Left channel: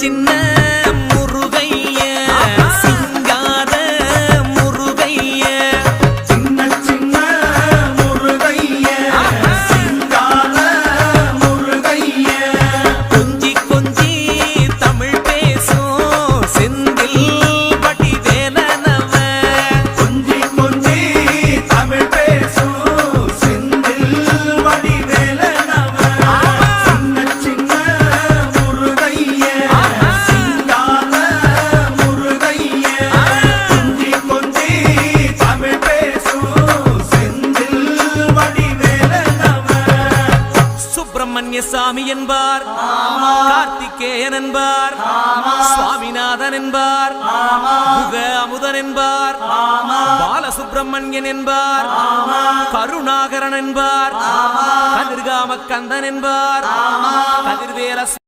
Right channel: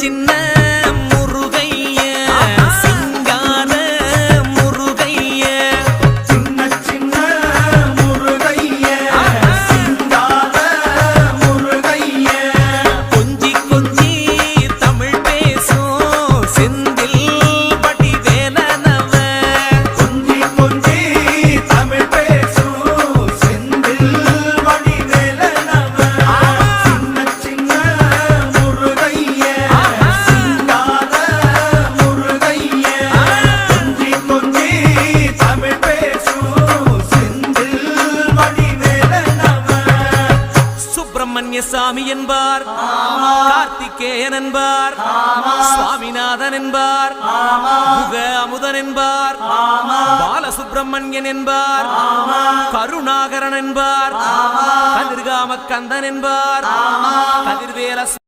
சின்ன முருகைய சிங்கார முருகைய சின்ன சின்ன முருகைய சிங்கார முருகைய கொஞ்சி கொஞ்சி தமிழ் பேசும் செந்தில் வடிவேலனவ கொஞ்சி கொஞ்சி தமிழ் பேசும் செந்தில் வடிவேலனவ சின்ன சின்ன முருகைய சிங்கார முருகைய கொஞ்சி கொஞ்சி தமிழ் பேசும் செந்தில் வடிவேலனவ சுப்பிரமணிய சாமி என்பார், கார்த்திகேயன் என்பார், சுவாமிநாதன் என்பார், முக அமுதன் என்பார், பாலசுப்பிரமணியன் என்பார், கருணாகரன் என்பார், கதிர்காம கந்தன் என்பார், கதிர்வேல